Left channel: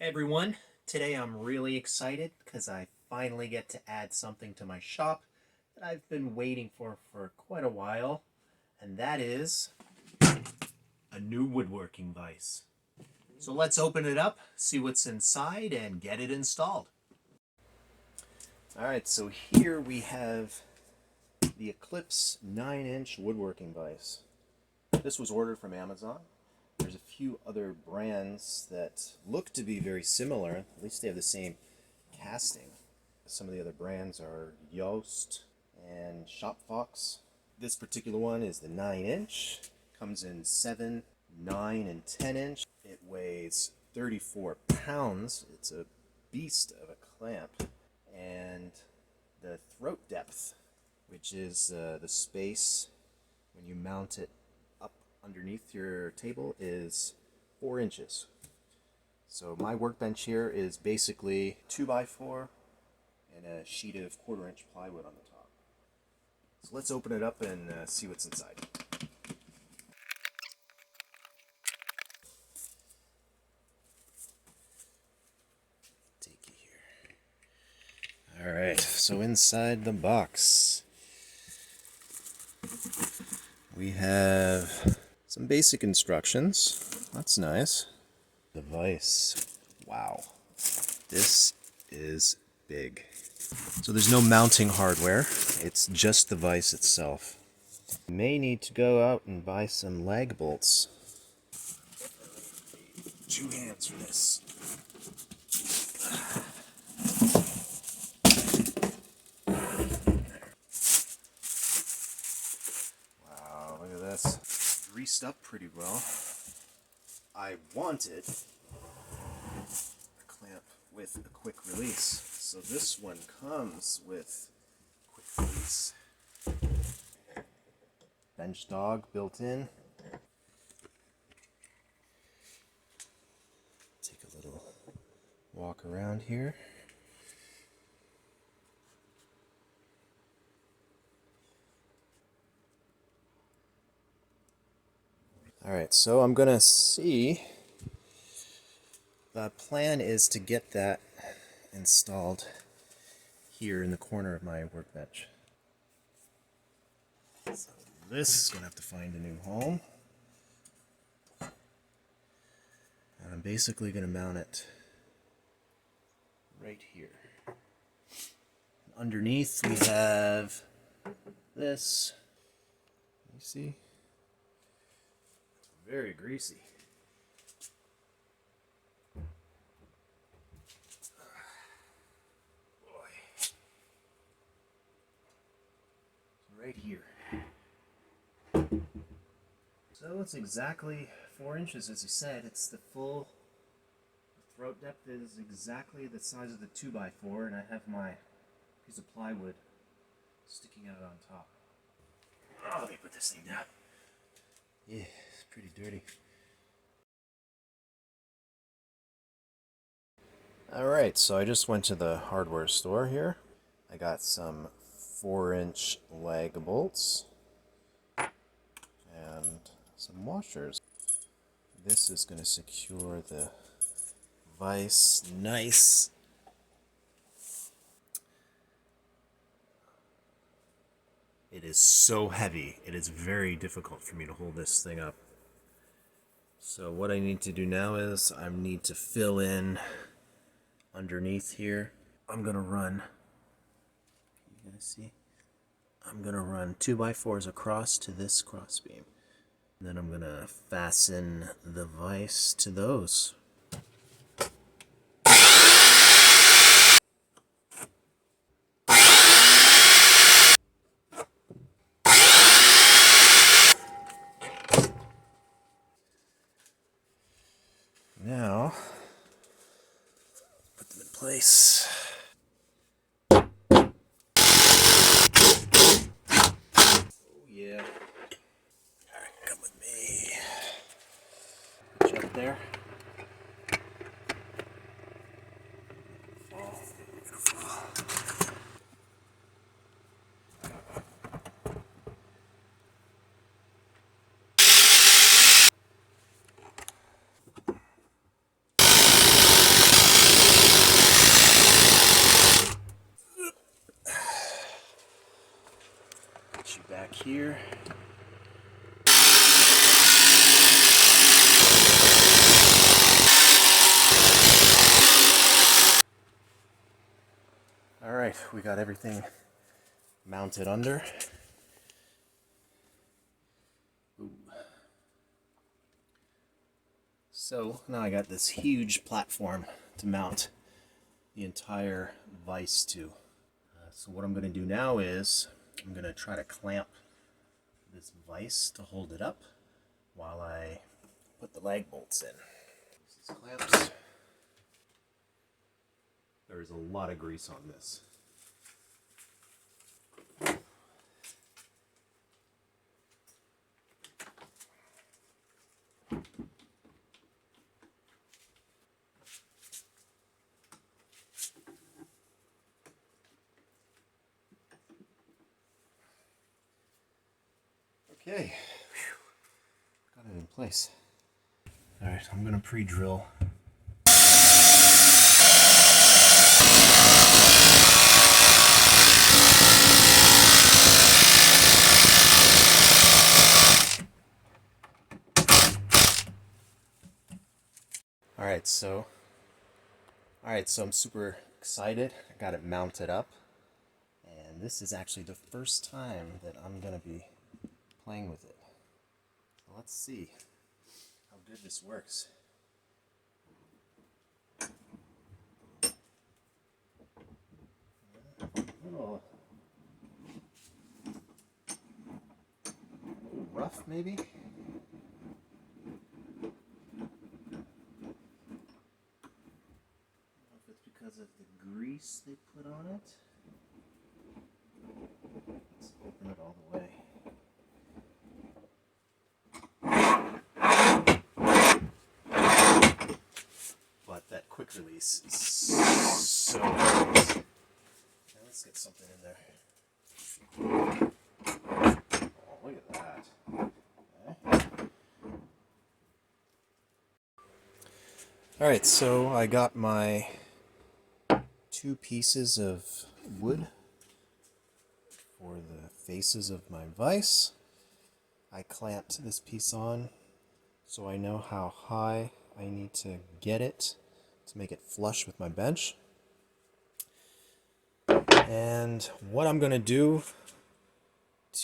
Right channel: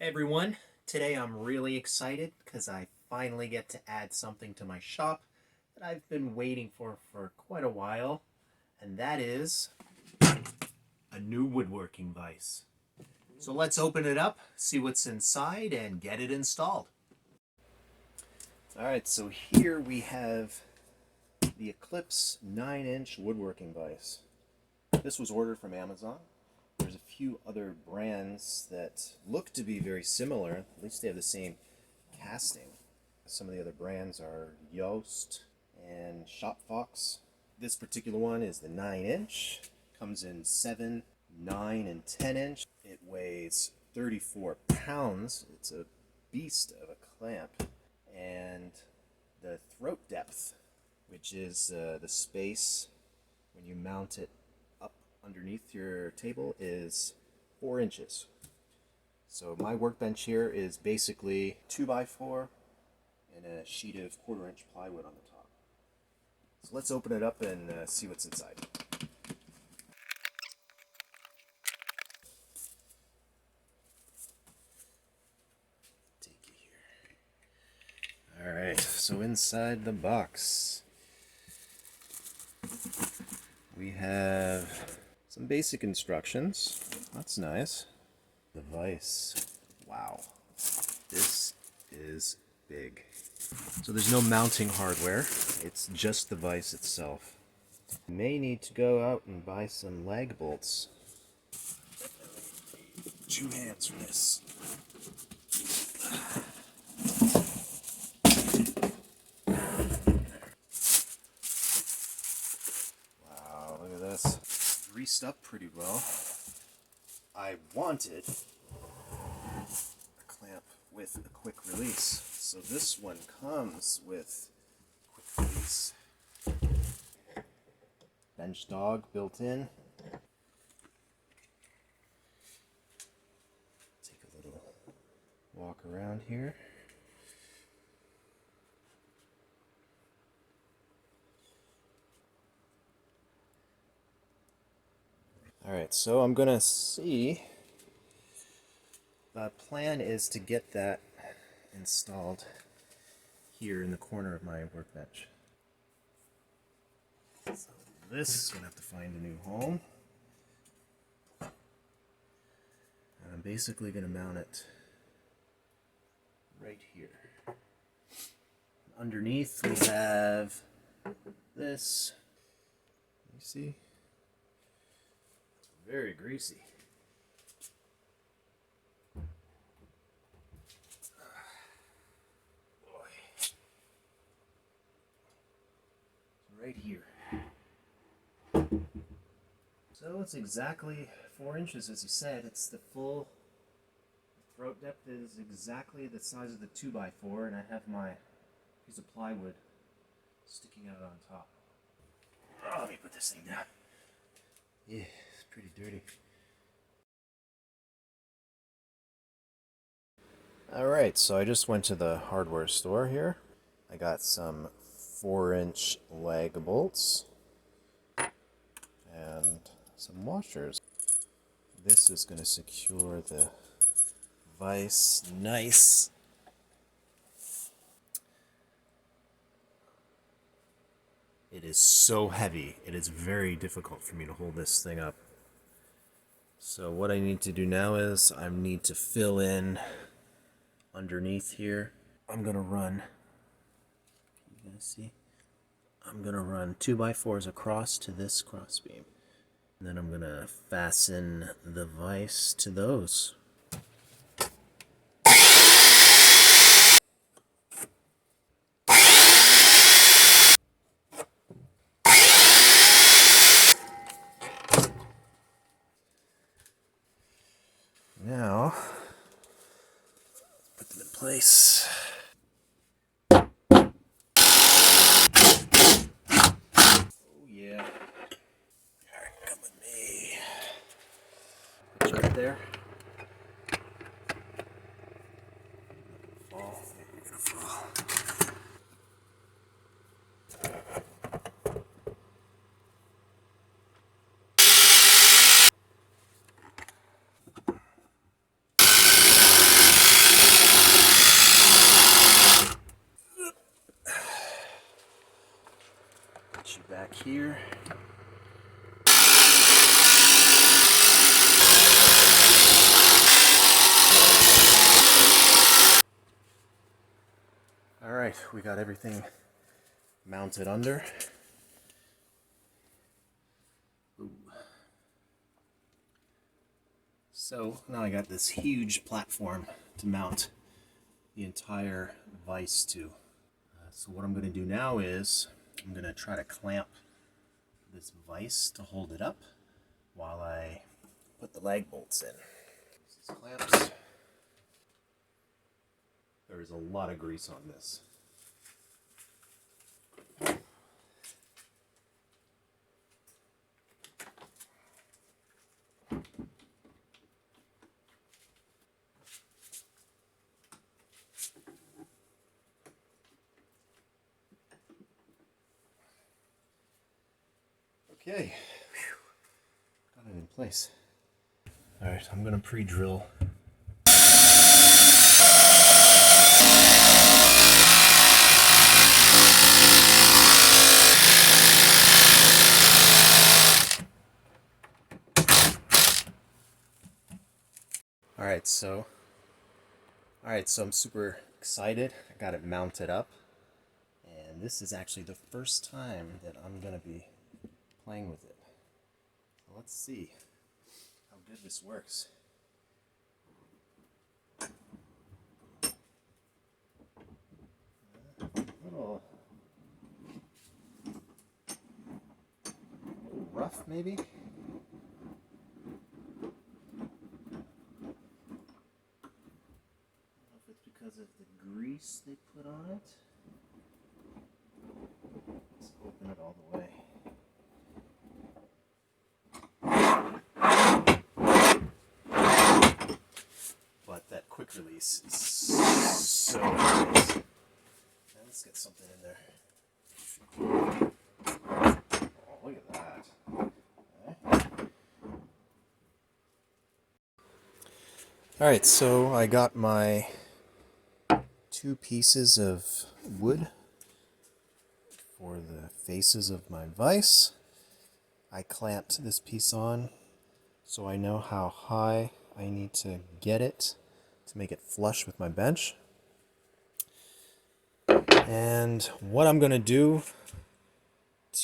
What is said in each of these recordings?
Hey everyone, today I'm really excited because I finally get to add something to my shop that I've been waiting for quite a while, and that is a new woodworking vise. So let's open it up, see what's inside, and get it installed. Alright, so here we have the Eclipse 9-inch woodworking vise. This was ordered from Amazon. There's a few other brands that look to be very similar. At least they have the same casting. Some of the other brands are Yost and Shopfox. This particular one is the 9-inch. Comes in 7, 9, and 10-inch. It weighs 34 pounds. It's a beast of a clamp. And the throat depth, which is the space when you mount it underneath your table, is 4 inches. So my workbench here is basically 2x4 and a sheet of 1/4-inch plywood on the top. So let's open it up and see what's inside. Take you here. All right, so inside the box we have some basic instructions. That's nice. The vise. Wow. This is big. So there's no mounting hardware. It's just the vise itself. You may need to go out and buy some lag bolts. 2 hands for this. Wow, look at this. Greased up pretty well. I wanted a clamp with a quick release, so this one comes with quick release. Bench dog built in. Take a little walk around here. Alright, so I'm gonna see. The plan is to get that installed here in the corner of my workbench. So this is gonna have to find a new home. And I'm basically gonna mount it right here. Underneath we have this. You see? Very greasy. Boy. Right here. So it's exactly 4 inches, as you said. It's the full throat depth is exactly the size of the 2x4, and I have my piece of plywood sticking out on top. Oh, let me put this thing down. Yeah, it's pretty dirty. Alright, so I just went to the hardware store here. I got some 4-inch lag bolts and some washers. This is going to secure the vise nice. It is so heavy, it is very difficult for me to hold this thing up. So what I need to do now is I need to fill in underneath here. I'm gonna run, you guys see? I'm gonna run 2x4s across to this crossbeam. And then I'm gonna fasten the vise to those. Now, put them in place. Oh yeah. Alright, come with me. Put you up there. Fall. We're gonna fall. back here. All right, we got everything mounted under. Ooh. So now I got this huge platform to mount the entire vise to. So what I'm going to do now is I'm going to try to clamp this vise to hold it up while I put the lag bolts in. These clamps. There is a lot of grease on this. Okay, got it in place. All right, I'm going to pre-drill. All right, so I'm super excited. I got it mounted up, and this is actually the first time that I'm going to be playing with it. So let's see how good this works. A little rough, maybe? Because of the grease they put on it. Let's open it all the way. But that quick release is so nice. Now let's get something in there. Oh, look at that. Okay. Alright, so I got my 2 pieces of wood for the faces of my vise. I clamped this piece on so I know how high I need to get it to make it flush with my bench. And what I'm going to do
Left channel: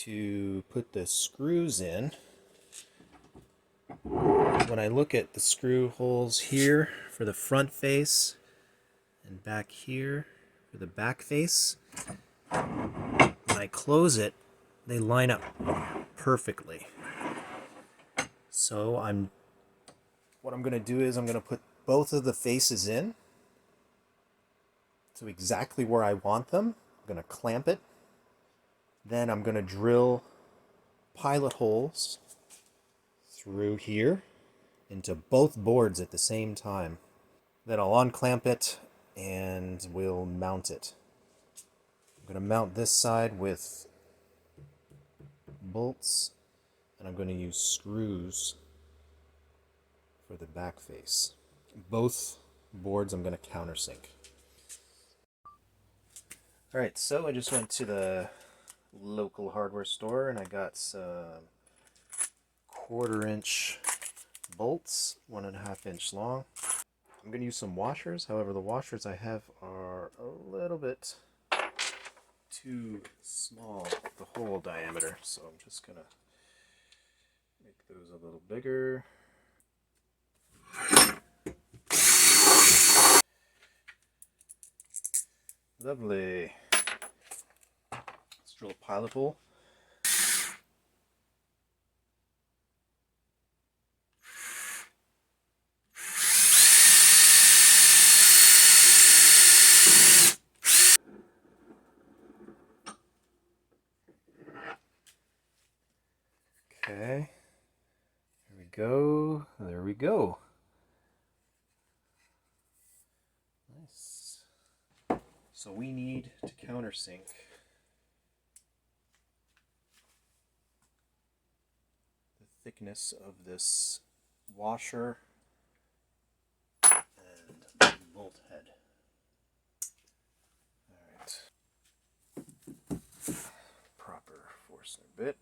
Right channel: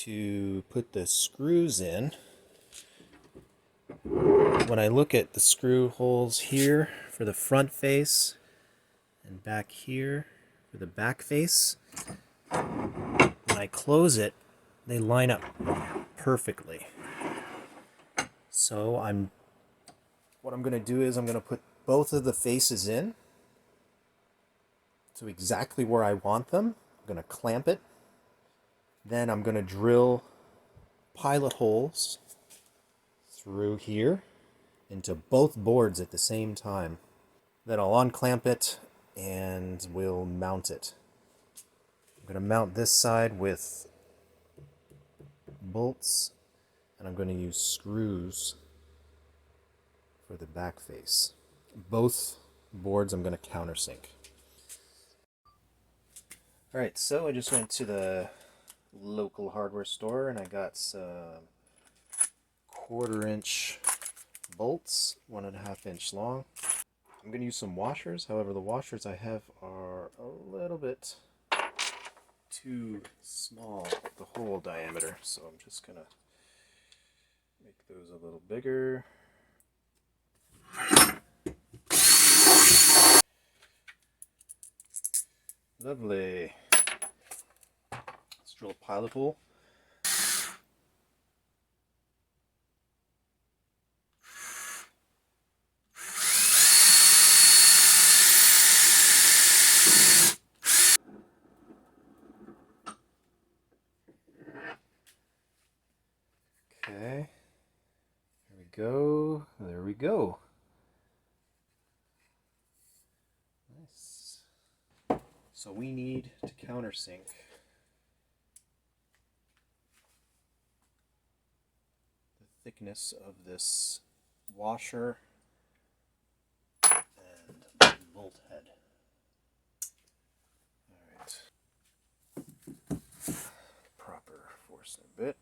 to put the screws in, when I look at the screw holes here for the front face and back here for the back face, when I close it, they line up perfectly. So what I'm going to do is I'm going to put both of the faces in to exactly where I want them. I'm going to clamp it. Then I'm going to drill pilot holes through here into both boards at the same time. Then I'll unclamp it and we'll mount it. I'm going to mount this side with bolts, and I'm going to use screws for the back face. Both boards I'm going to countersink. Alright, so I just went to the local hardware store and I got some 1/4 inch bolts, 1.5 inch long. I'm going to use some washers, however the washers I have are a little bit too small, the hole diameter, so I'm just going to make those a little bigger. Lovely. Let's drill a pilot hole. Okay, here we go, there we go. Nice. So we need to countersink the thickness of this washer and bolt head. Alright. Proper Forstner bit.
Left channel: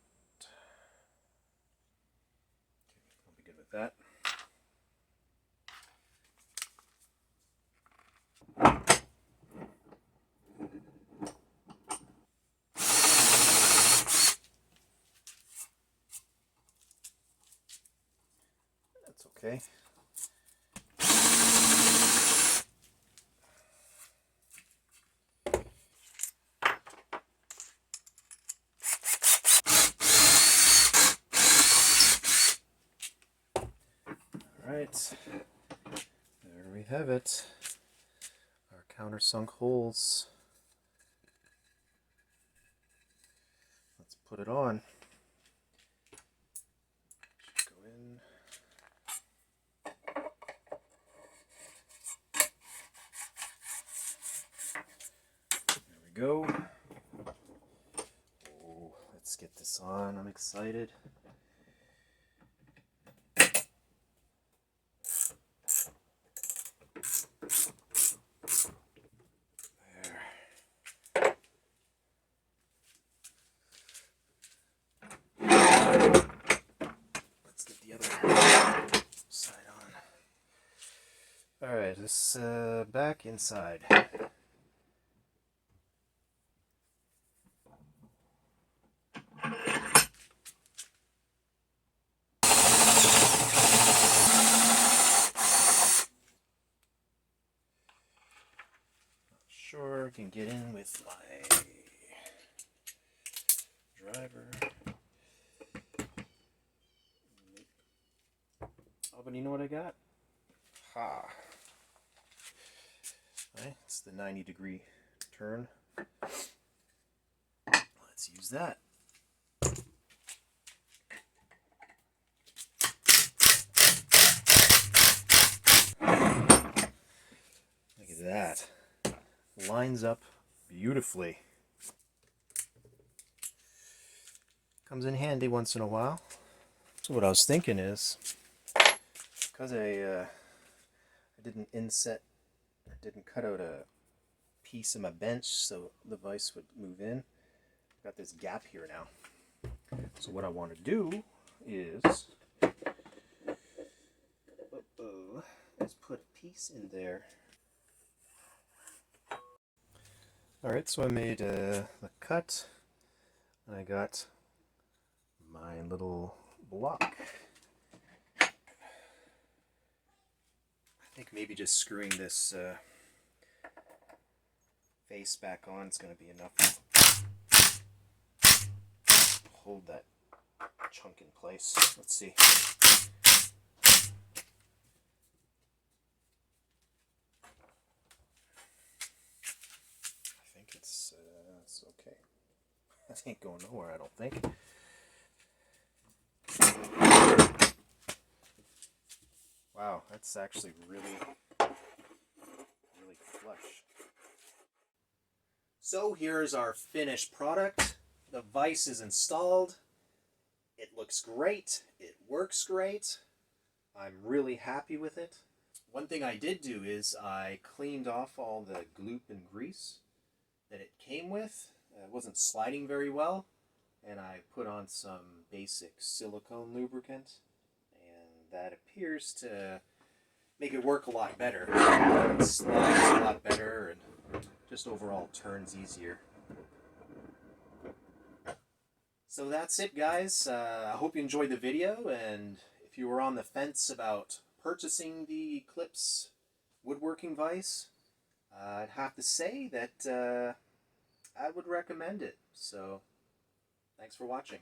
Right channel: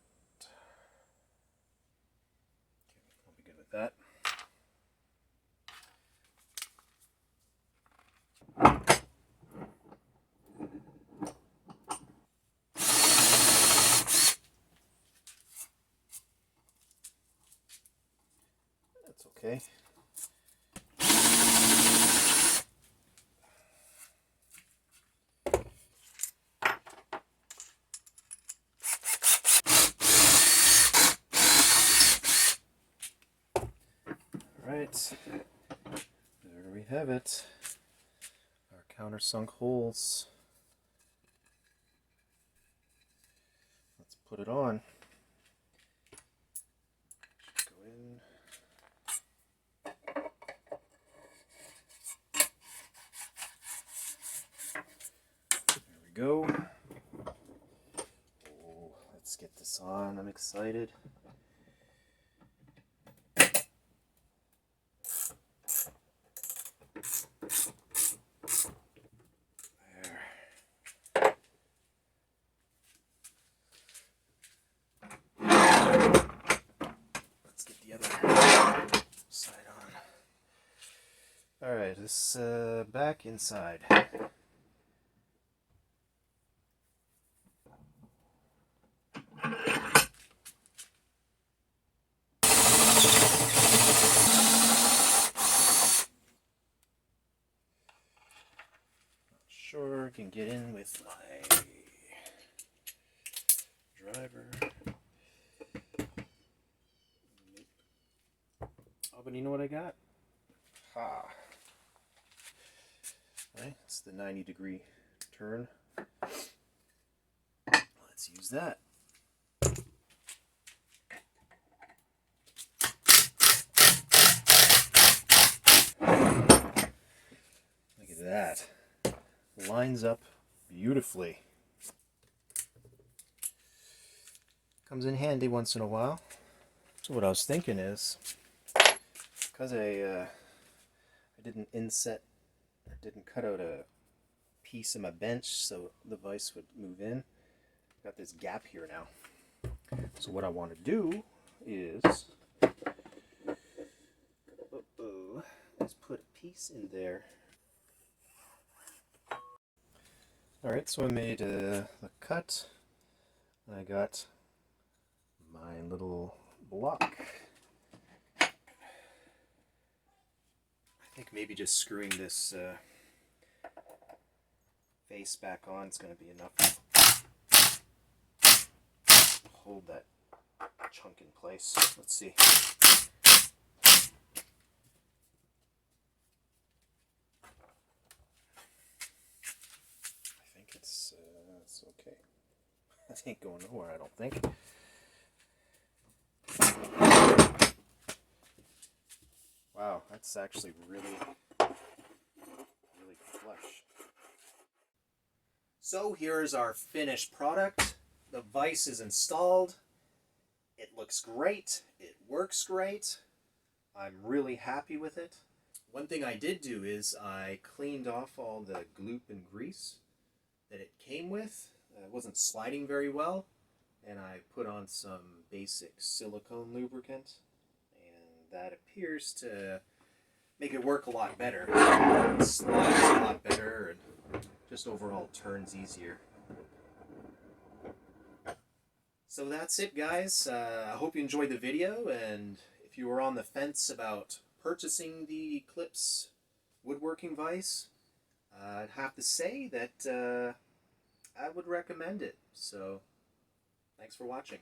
Okay. Alright, there we have it. Our countersunk holes. Let's put it on. Go in. There we go. Oh, let's get this on. I'm excited. Let's get the other side on. Alright, this back inside. Sure, can get in with my driver. Oh, but you know what I got? Ha! Right, it's the 90-degree turn. Let's use that. Look at that. Lines up beautifully. Comes in handy once in a while. So what I was thinking is, because I didn't inset, I didn't cut out a piece of my bench so the vise would move in. I've got this gap here now. So what I want to do is put a piece in there. Alright, so I made the cut. I got my little block. I think maybe just screwing this face back on is going to be enough to hold that chunk in place. Let's see. I think it's okay. It ain't going nowhere, I don't think. Wow, that's actually really flush. So here's our finished product. The vise is installed. It looks great. It works great. I'm really happy with it. One thing I did do is I cleaned off all the gloop and grease that it came with. It wasn't sliding very well, and I put on some basic silicone lubricant, and that appears to make it work a lot better. It slides a lot better and just overall turns easier. So that's it, guys. I hope you enjoyed the video, and if you were on the fence about purchasing the Eclipse woodworking vise, I'd have to say that I would recommend it. So, thanks for watching.